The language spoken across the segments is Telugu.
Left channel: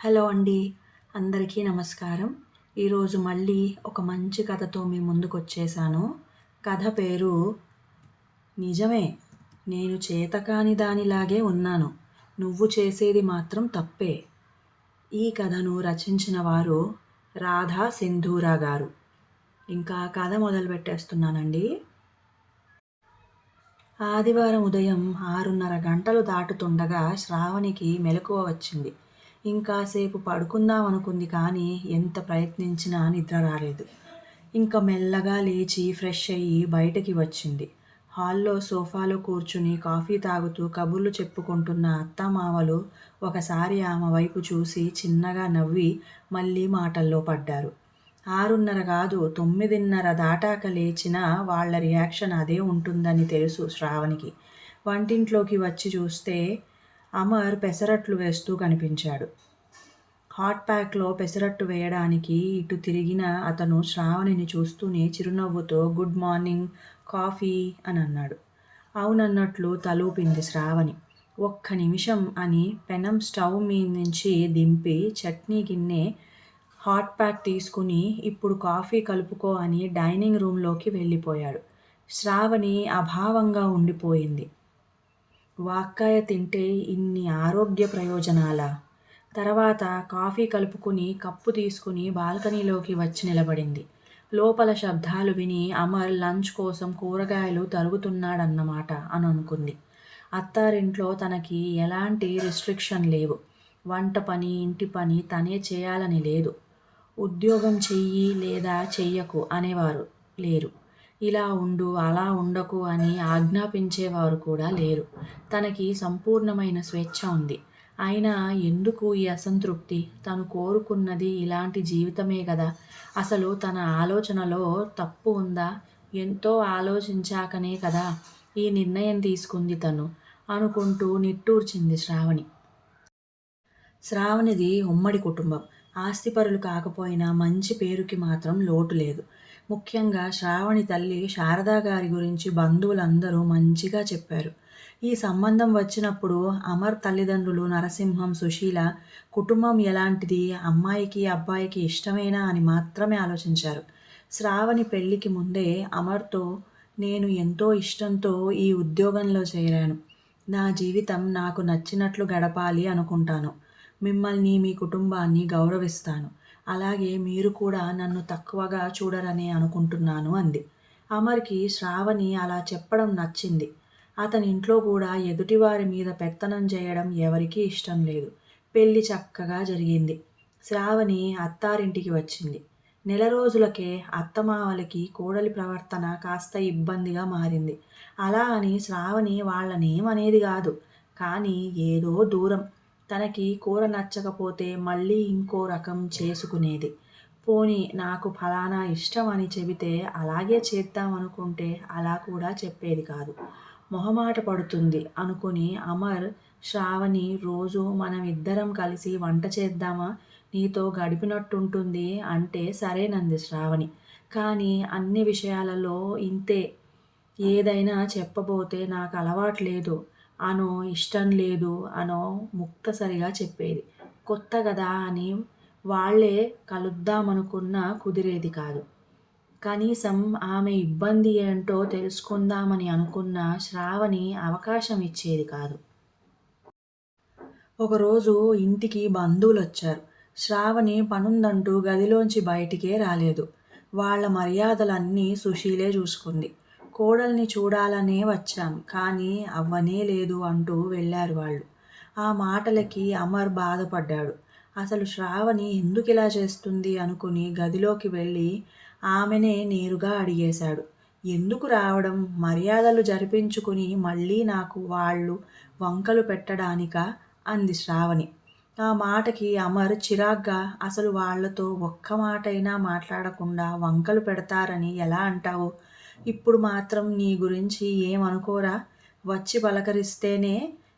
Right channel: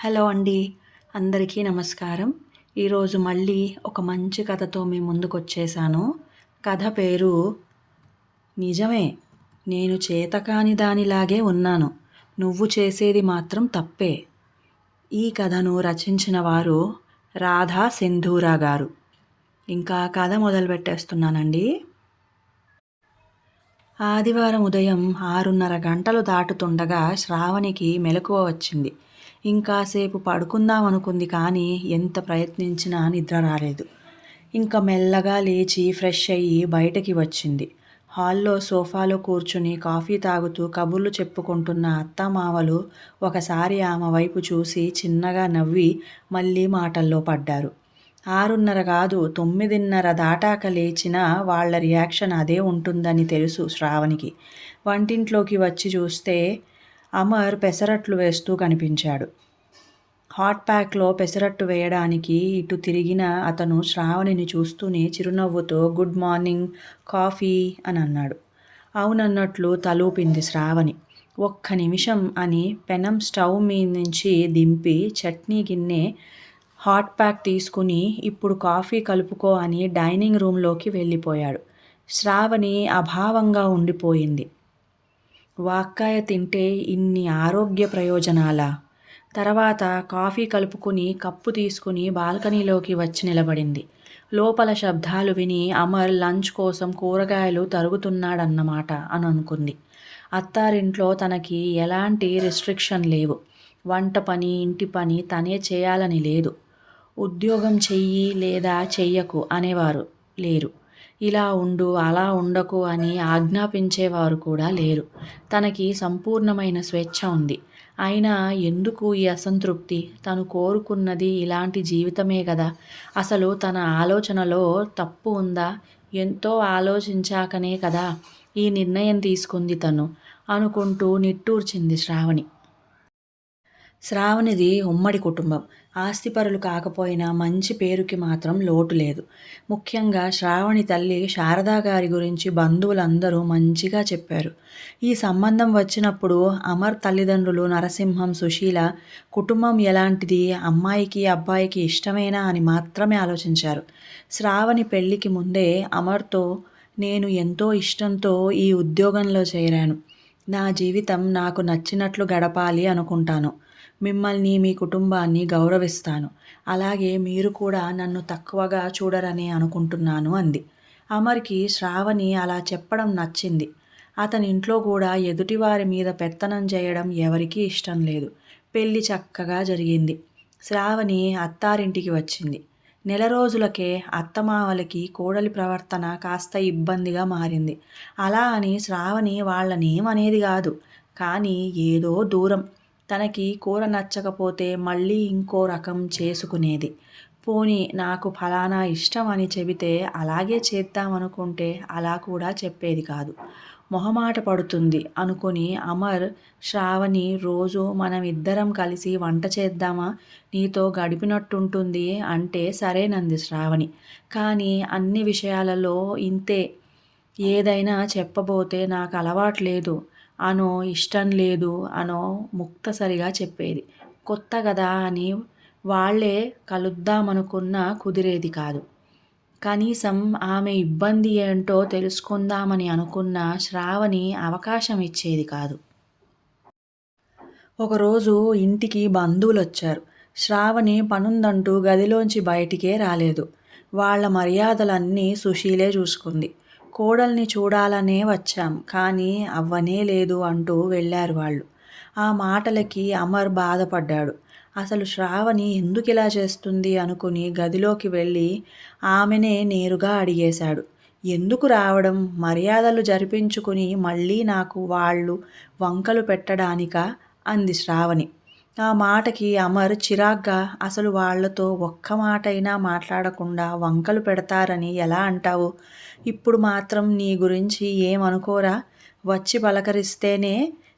హలో అండి. అందరికీ నమస్కారం. ఈరోజు మళ్ళీ ఒక మంచి కథతో మీ ముందుకొచ్చేసాను. కథ పేరు నిజమే. నేను చేతకాని దానిలాగే ఉన్నాను. నువ్వు చేసేది మాత్రం తప్పే. ఈ కథను రచించిన వారు రాధా సింధూరా గారు. ఇంకా కథ మొదలుపెట్టేస్తున్నానండి. ఆదివారం ఉదయం 6:30 గంటలు దాటుతుండగా శ్రావణికి మెలకువ వచ్చింది. ఇంకాసేపు పడుకుందామనుకుంది కానీ ఎంత ప్రయత్నించినా నిద్ర రాలేదు. ఇంక మెల్లగా లేచి ఫ్రెష్ అయ్యి బయటకి వచ్చింది. హాల్లో సోఫాలో కూర్చుని కాఫీ తాగుతూ కబుర్లు చెప్పుకుంటున్న అత్తామామలు ఒకసారి ఆమె వైపు చూసి చిన్నగా నవ్వి మళ్ళీ మాటల్లో పడ్డారు. 6:30 కాదు 9:30 దాటాక లేచినా వాళ్ళ రియాక్షన్ అదే ఉంటుందని తెలుసు శ్రావణికి. వంటింట్లోకి వచ్చి చూస్తే అమర్ పెసరట్లు వేస్తూ కనిపించాడు. హాట్ ప్యాక్లో పెసరట్టు వేయడానికి ఇటు తిరిగిన అతను శ్రావణిని చూస్తూనే చిరునవ్వుతో గుడ్ మార్నింగ్, కాఫీ అని అన్నాడు. అవునన్నట్లు తలూపింది శ్రావణి. ఒక్క నిమిషం అని పెనం స్టవ్ మీద్నుంచి దింపి చట్నీ గిన్నె, హాట్ ప్యాక్ తీసుకుని ఇప్పుడు కాఫీ కలుపుకో అని డైనింగ్ రూంలోకి వెళ్ళిపోయాడు. శ్రావణి అభావంగా ఉండిపోయింది. వాక్కాయ తింటే ఇన్ని ఆరోగ్య ప్రయోజనాలా? తర్వాత కాఫీ కలుపుకుని కప్పు తీసుకుని బాల్కనీలోకి వచ్చి నిలబడింది. లోపల శబ్దాలు విని అమర్ లంచ్ కోసం కూరగాయలు తరుగుతున్నాడన్నమాట అని అనుకుంది. అత్తారింట్లో తనకి ఎలాంటి రిస్ట్రిక్షన్ లేవు. వంట పని, ఇంటి పని తనే చేయాలని లేదు. ఉద్యోగం చెయ్యి లేదా చెయ్యకు అనేవారు లేరు. ఇలా ఉండు, అలా ఉండకు అని ఆజ్ఞాపించేవారు కూడా లేరు. తనకి సంపూర్ణమైన స్వేచ్ఛ ఉంది. అయినా ఎందుకు ఈ అసంతృప్తి? తను కోరుకున్నది ఇలాంటి జీవితమే గదా. అసలు తన ఆలోచనలో తప్పు ఉందా? ఎంతో ఆలోచించాకనే కదా ఈ నిర్ణయం తీసుకుంది తను అనుకుంటూ నిట్టూర్చింది శ్రావణి. శ్రావణిది ఉమ్మడి కుటుంబం. ఆస్తిపరులు కాకపోయినా మంచి పేరుకి మాత్రం లోటు లేదు. ముఖ్యంగా శ్రావణి తల్లి శారదాగారి గురించి బంధువులందరూ మంచిగా చెప్పారు. ఈ సంబంధం వచ్చినప్పుడు అమర్ తల్లిదండ్రులు నరసింహం, సుశీల కుటుంబం ఎలాంటిది, అమ్మాయికి అబ్బాయికి ఇష్టమేనా అని మాత్రమే ఆలోచించారు. శ్రావణి పెళ్లికి ముందే అమర్తో నేను ఎంతో ఇష్టంతో ఈ ఉద్యోగంలో చేరాను. నా జీవితం నాకు నచ్చినట్లు గడపాలి అనుకుంటాను. మిమ్మల్ని, మీ కుటుంబాన్ని గౌరవిస్తాను. అలాగే మీరు కూడా నన్ను తక్కువగా చూడరని అనుకుంటున్నాను అంది. అమర్కి శ్రావణి అలా చెప్పడం నచ్చింది. అతని ఇంట్లో కూడా ఎదుటివారి మీద పెత్తనం చేయడం ఎవరికీ ఇష్టం లేదు. పెళ్లి చక్కగా జరిగింది. శ్రావణి అత్తారింటికి వచ్చింది. నెల రోజులకే అత్తమామలకి కోడలి ప్రవర్తన కాస్త ఇబ్బందిగా మారింది. అలా అని శ్రావణి వాళ్ళనేమనేది కాదు. కానీ ఏదో దూరం. తనకి కూర నచ్చకపోతే మళ్ళీ ఇంకో రకం చేసుకునేది. పోనీ నాకు ఫలానా ఇష్టం అని చెబితే అలాగే చేద్దామనుకుంటే అలా కూడా చెప్పేది కాదు. మొహమాట పడుతుంది అనుకుని అమర్ శ్రావణి రోజు మనం ఇద్దరం కలిసి వంట చేద్దామా, నీతో గడిపినట్టుంటుంది అంటే సరేనంది శ్రావణి. కానీ అన్ని విషయాలలో ఇంతే. ఏదైనా చెప్పబోతే నాకు అలవాట్లేదు అనో, ఇష్టం లేదు అనో ముక్తసరిగా చెప్పేది. కొత్త గదా అని వాళ్ళే కలుద్దామనుకున్నా కుదిరేది కాదు. కనీసం ఆమె ఇబ్బంది ఏంటో తెలుసుకుందామని అనుకున్నా శ్రావణి అవకాశం ఇచ్చేది కాదు. ఒకరోజు ఇంటికి బంధువులొచ్చారు. శ్రావణి పనుందంటూ గదిలోంచి బయటికే రాలేదు. వాళ్ళ మర్యాదలన్నీ సుశీలే చూసుకుంది. కోడల్ని చూడాలనే వచ్చాం కానీ అవ్వనే లేదు అంటూ వెళ్ళారు వాళ్ళు. ఆ మాటలకి అమర్ బాధపడ్డాడు. అసలు శ్రావణి ఎందుకిలా చేస్తుంది అనుకుని గదిలోకి వెళ్ళి ఆమెనే నేరుగా అడిగేశాడు. ఎందుకు రావడం? మర్యాదలు జరిపించుకుని మళ్ళీ నాకు వాళ్ళు వంకలు పెట్టడానికా అంది శ్రావణి. ఆ మాటకి అమర్ చిరాగ్గా అసలు వాళ్లతో ఒక్క మాటైనా మాట్లాడకుండా వంకలు పెడతారని ఎలా అంటావు? ఇప్పుడు మాత్రం నీ గురించి ఏమనుకోరా? వచ్చి పలకరిస్తేనే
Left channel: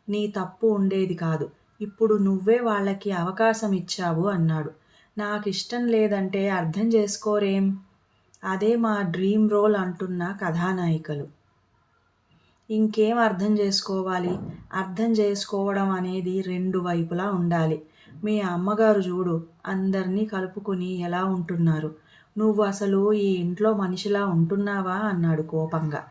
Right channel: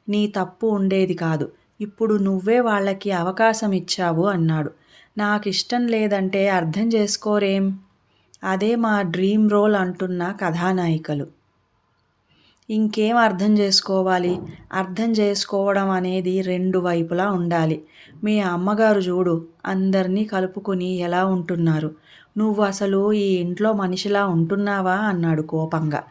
నీ తప్పు ఉండేది కాదు. ఇప్పుడు నువ్వే వాళ్ళకి అవకాశం ఇచ్చావు అన్నాడు. నాకిష్టం లేదంటే అర్థం చేసుకోరేం? అదే మా డ్రీమ్ రోల్ అంటున్న కథానాయికలు. ఇంకేం అర్థం చేసుకోవాలి? అర్థం చేసుకోవడం అనేది రెండు వైపులా ఉండాలి. మీ అమ్మగారు చూడు అందరినీ కలుపుకుని ఎలా ఉంటున్నారు. నువ్వు అసలు ఈ ఇంట్లో మనిషిలా ఉంటున్నావా అన్నాడు కోపంగా.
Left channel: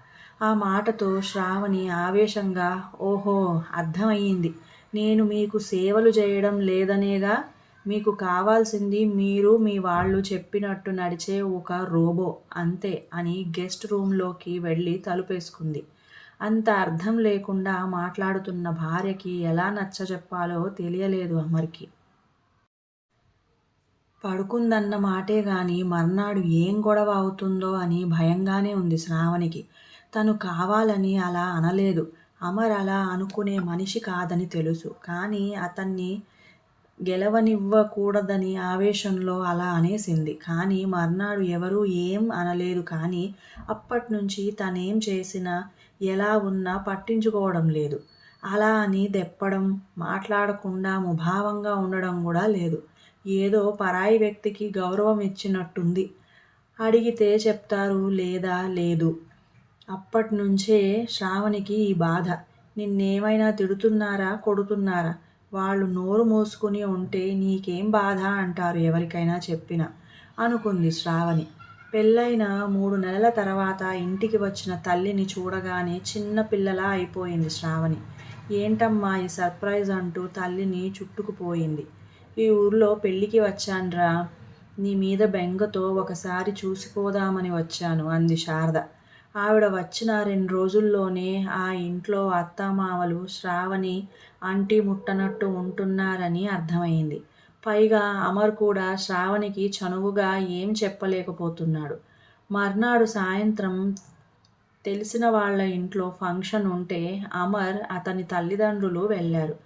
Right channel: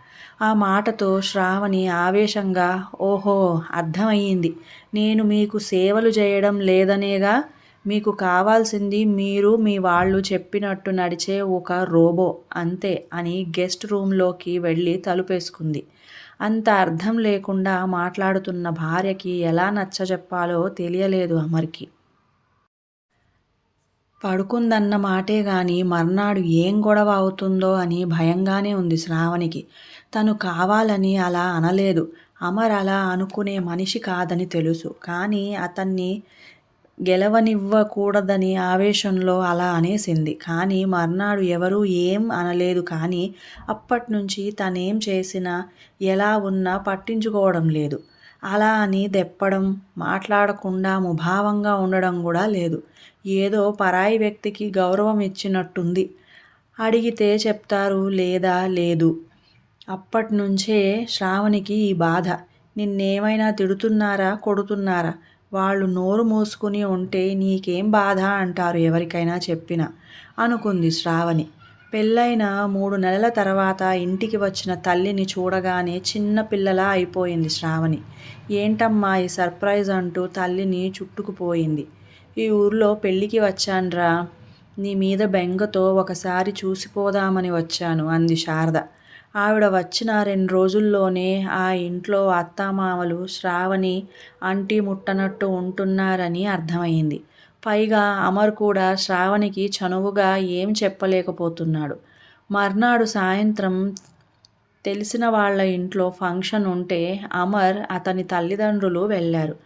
ఆ మాటతో శ్రావణి ఆవేశంగా ఓహో అర్థమయ్యింది. నేను మీకు సేవలు చేయడం లేదనేగా. మీకు కావాల్సింది మీరు మీ వాళ్ళు చెప్పినట్టు నడిచే ఒక రోబో అంతే అని గెస్ట్ రూంలోకి వెళ్ళి తలుపేసుకుంది. అంత అర్థం లేకుండా మాట్లాడుతున్న భార్యకి ఎలా నచ్చజెప్పాలో తెలియలేదు అమర్కి. పడుకుందన్న మాటే గాని మర్నాడు ఏం గొడవ అవుతుందో అని భయంగానే ఉంది శ్రావణికి. తను కావాలని అలా అనలేదు. అమర్ అలా అనుకునే మనిషి కాదని తెలుసు. కానీ అతన్ని గెలవనివ్వకూడదని ఆవేశంలో అలా అనేసింది. కానీ మర్నాడు ఎవరూ ఏం అనలేదు. కానీ అప్పట్నుంచి తనేం చేసినా, ఎలా ఉన్నా పట్టించుకోవడం లేదు. అలా అని దెప్పడం, మాట్లాడకుండా ముభావంగా ఉండడం కూడా లేదు. ఏదో పరాయి వ్యక్తికి గౌరవం ఇచ్చినట్టుంది. అడిగితే చెప్తారు లేదా లేదు. అప్పట్నుంచే శ్రావణికి ఈ బాధ. నిన్నేమైనా తిడుతున్నారా, కొడుతున్నారా? వాళ్ళు నోరు మూసుకుని ఉంటే నీకేం బాధ అంటారు ఎవరికైనా చెప్పినా అనుకుంది శ్రావణి. పెళ్ళైన 3 నెలల తర్వాత ఇంటికి వచ్చిన తల్లిని చూడగానే చిన్న పిల్లలా అయిపోయింది శ్రావణి. ఏంటమ్మా ఈ సర్ప్రైజ్ అంటూ తల్లిని చుట్టుకుపోయింది. ఈ ఊర్లో పెళ్ళికి వచ్చాన్రా. నీ మీద బెంగతో ఒకసారి చూసిపోదామని వచ్చాను అంది శారద. ఆవిడ వచ్చిన 2 రోజుల్లోనే ఆ ఇంట్లో అత్తామామలు శ్రావణి అంటి ముట్టనట్టు ఉంటున్నారని అర్థమయింది. పైగా అమర్ కూడా శ్రావణికి చనువుగా ఏం చెప్పలేకపోతున్నాడు. మర్నాడు సాయంత్రం తెలిసిన వాళ్ళ ఇంట్లో ఫంక్షన్ ఉంటే అమర్, అతని తల్లిదండ్రులు వెళ్ళారు.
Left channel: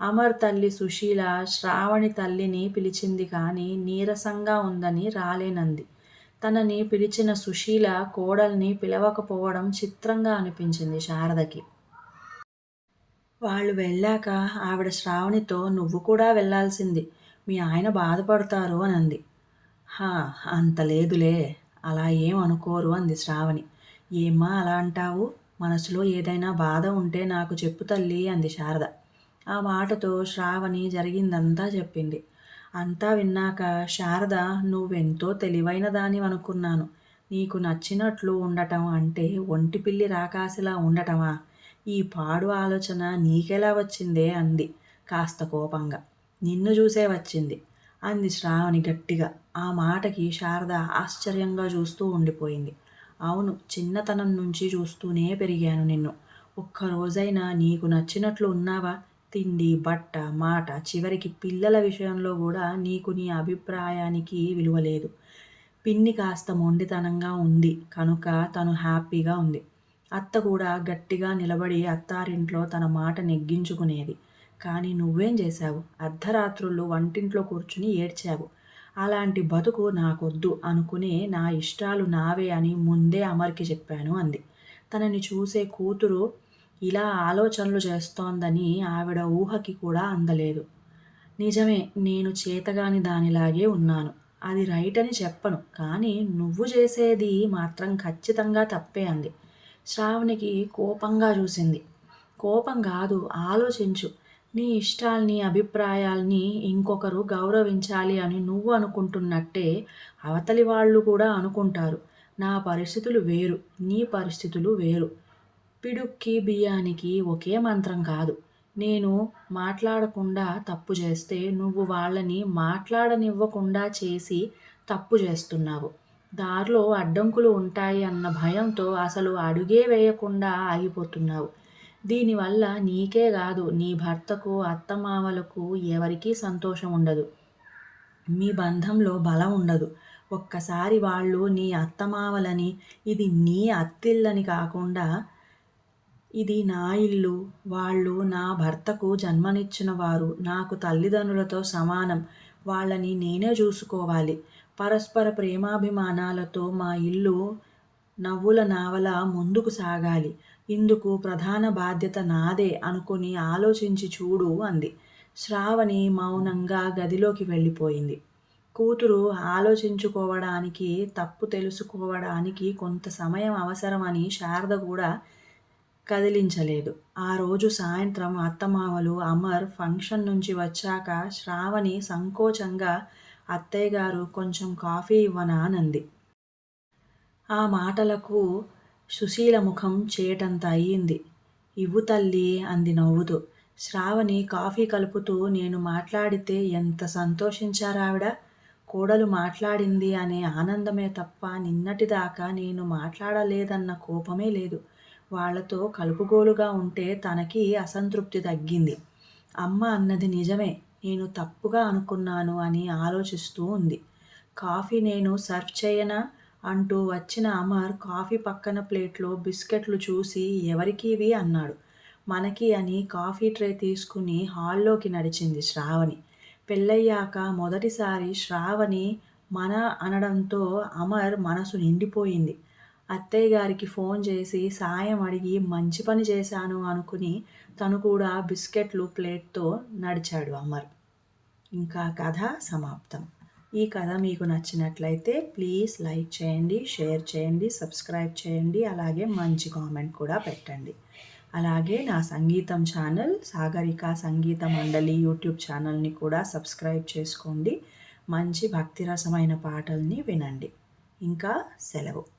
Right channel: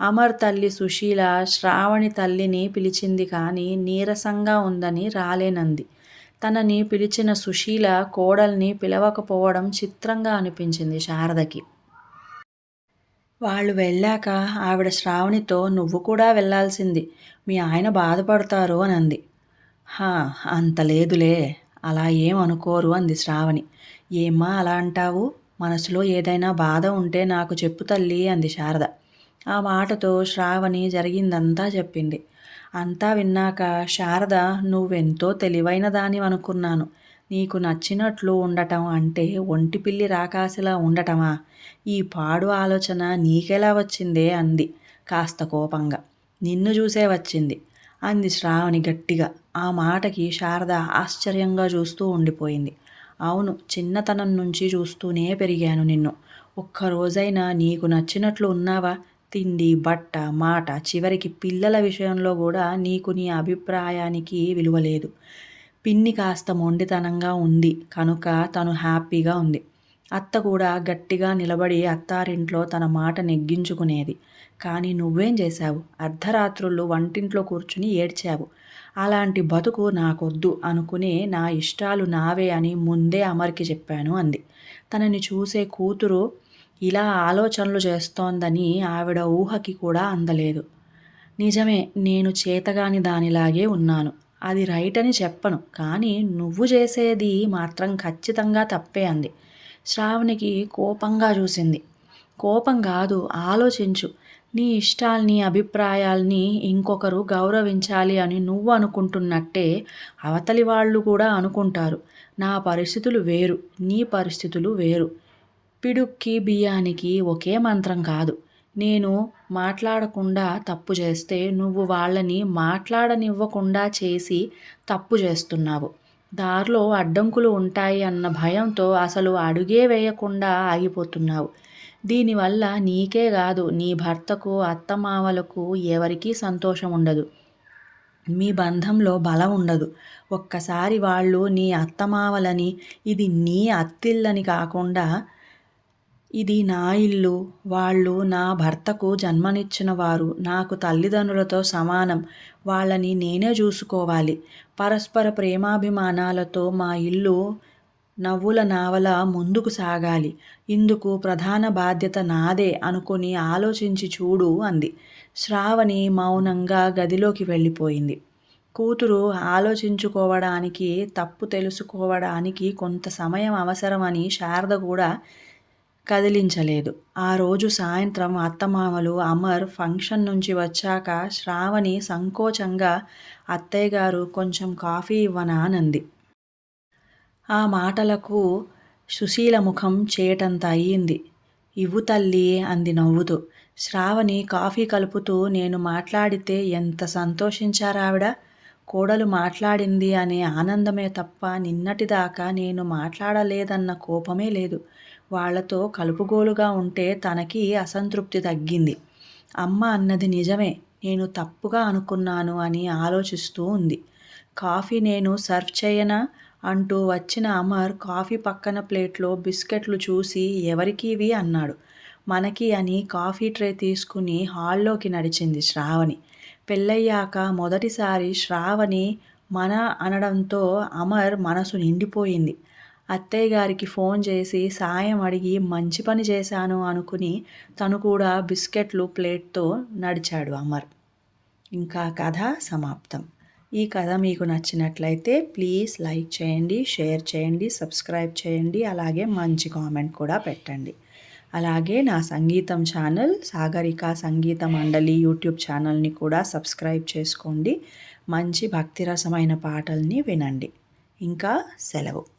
అమర్ తల్లి సుశీల శ్రావణి తల్లిని పిలిచింది కానీ నీరసంగా ఉందని రాలేనంది. తనని పిలిచిన సుశీల కోడల్ని పిలవకపోవడం చిత్రంగా అనిపించింది శారదకి. వాళ్ళు వెళ్ళాక ఆవిడ శ్రావణితో నువ్వు కూడా వెళ్ళాల్సింది. మీ ఆయన బాధపడతారు అని అంది. హా అంత లేదులే. అలా ఏం అనుకోరు అంది శ్రావణి. ఏమ్మా అలా అంటావు? మనసులో ఏదైనా బాధ ఉంటే నాకు చెప్పు తల్లి అంది శారద. ఆ మాటతో శ్రావణి జరిగిందంతా చెప్పింది. అంతా విన్నాక శారద నువ్వెంతో తెలివైన దానివనుకున్నాను. నీకు నచ్చినట్లు ఉండటం అంటే ఒంటి పిల్లి రాకాసిలా ఉండటమా? ఈ పాడు ఆలోచన నీకెలా వచ్చిందే అంది కాస్త కోపంగా. నిన్ను చూసే వచ్చింది అంది శ్రావణి గట్టిగా. ఆ మాటకి శారద ఆశ్చర్యంగా చూస్తూ ఉండిపోయింది. అవును, చిన్నతనం నుంచి చూస్తూనే పెరిగాను నిన్ను. ఒక్కరోజైనా నీకు నచ్చినట్లు ఉన్నావా? తిండి, బట్ట, మాట, చివరికి పిల్లల విషయంలో కూడా నీకు నీ అభిప్రాయానికి విలువలేదు. పిన్ని కాస్త మొండితనంగా ఉంది కనుక తను హ్యాపీగా ఉంది. అత్త కూడా గట్టిగా నిలబడి అత్తారింట్లో తన మాట నెగ్గించుకునేది. కానీ నువ్వేం చేశావు? అర్ధరాత్రుళ్ళు వంటింట్లో కూర్చుని ఏడ్చావు. అలాంటి బతుకు నాకొద్దు అనుకునే నా ఇష్టాలు నావే అని ముందే అమర్కి చెప్పాను అంది. తనని చూసే కూతురు ఇలా ఆలోచనలు చేస్తోందని ఆవిడ ఊహకి కూడా అందలేదు. నిజమే, నేను చేతగాని దానిలాగే ఉన్నాను. అది రైట్ అని చెప్పను. కానీ నువ్వు చేసేది మాత్రం ఖచ్చితంగా తప్పే అంది. శ్రావణికి కోపంగా చూసింది. కోపం కాదు, ఆలోచించు. నీ ఇష్టాల్ని, అభిప్రాయాల్ని ఇంకొకరు గౌరవించాలి అని నువ్వు అనుకుంటున్నట్టే అవతలి వాళ్ళు కూడా అనుకుంటారు. నా పరిస్థితులు వేరు, నీ పరిస్థితులు వేరు. పిడుక్కి బియ్యానికి ఒకే మంత్రం కాదు. నేను మాట్లాడకుండా తప్పు చేస్తే నువ్వు వాళ్ళని మాట్లాడనివ్వకుండా చేసి తప్పు చేస్తున్నావు. దారిలో అడ్డంకులు ఉంటాయి అన్న భయంతో అసలు అడుగే వేయకుండా ఆగిపోతున్నావు. దీనివల్ల నీకే కాదు, నీ భర్తకు, అత్తమామలకు ఎవరికీ సంతోషం ఉండదు. మీ బంధంలో బలం ఉండదు. ఒక్కసారి వాళ్ళు నీ అత్తమామలని, ఇది నీ అత్తిల్లని కాకుండా ఇది నా ఇల్లు, వాళ్ళు నా భర్తకు జన్మనిచ్చిన వారు, నాకు తల్లిదండ్రులతో సమానం, వాళ్ళని నేనే చూసుకోవాలి. పరస్పర ప్రేమాభిమానాలతో మా ఇల్లు నవ్వుల నావల ముందుకు సాగాలి. ఇందుకు ప్రధాన బాధ్యత నాదే అనుకుని ఆలోచించి చూడు అంది. శ్రావణి మౌనంగా గదిలోకి వెళ్ళిపోయింది. కూతురు ఆలోచించుకోవడానికి, తప్పు తెలుసుకోవడానికి కొంత సమయం అవసరమని శారద కూడా కదిలించలేదు. ఆ రోజు సాయంత్రం అత్తమామలు అమర్ ఫంక్షన్ నుంచి వచ్చాక శ్రావణి సంకోచంగా అత్తయ్యగారు కొంచెం కాఫీ ఇవ్వనా అనంది. ఆ మాటలకు సుశీల ముఖం చేటంత అయింది. ఇవ్వు తల్లీ అంది నవ్వుతూ. శ్రావణి కాఫీ కలుపుతూ నేను మాట్లాడితే ఎంత సంతోషించారావిడ. కోడలు మాట్లాడింది అనే ఆనందమే తప్ప నిన్నటిదాకా నేను మాట్లాడలేదన్న కోపమే లేదు. వాళ్లతో కలుపుగోలుగా ఉంటే తనకి అసంతృప్తి తగ్గింది. అమ్మ అన్నది నిజమే, నేను తప్పుగా అనుకున్నాను అని ఆలోచిస్తూ ఉంది. కాఫీ నేను సర్వ్ చేయనా అంటూ వచ్చిన అమర్ కాఫీ పక్కన ప్లేట్లో బిస్కెట్లు చూసి ఎవరికివి అన్నాడు. మనకి అని కాఫీ ట్రే తీసుకుని హాల్లోకి నడిచింది శ్రావణి. పెళ్ళయ్యాక మొదటిసారి శ్రావణి మన అనడంతో అమర్ మనసు నిండిపోయింది. అత్తయ్యగారికి ఫోన్ చేసి సాయం అడిగి మంచి పని చేశాను అనుకుని తను కూడా బిస్కెట్లు ప్లేట్తో నడిచాడు అమర్. ఇంకా కథ సమాప్తం. ఈ కథ మీకు నచ్చినట్లయితే ప్లీజ్ లైక్ చేయండి, షేర్ చేయండి, సబ్స్క్రైబ్ చేయండి, అలాగే మంచి కామెంట్ కూడా పెట్టండి. అలాగే నా సంగీతం ఛానల్ సాగరిక సంగీత మండలి యూట్యూబ్ ఛానల్ని కూడా సబ్స్క్రైబ్ చేసుకోండి. మంచి భక్తిరసమైన పాటల్ని వినండి. ఇంకా సెలవు.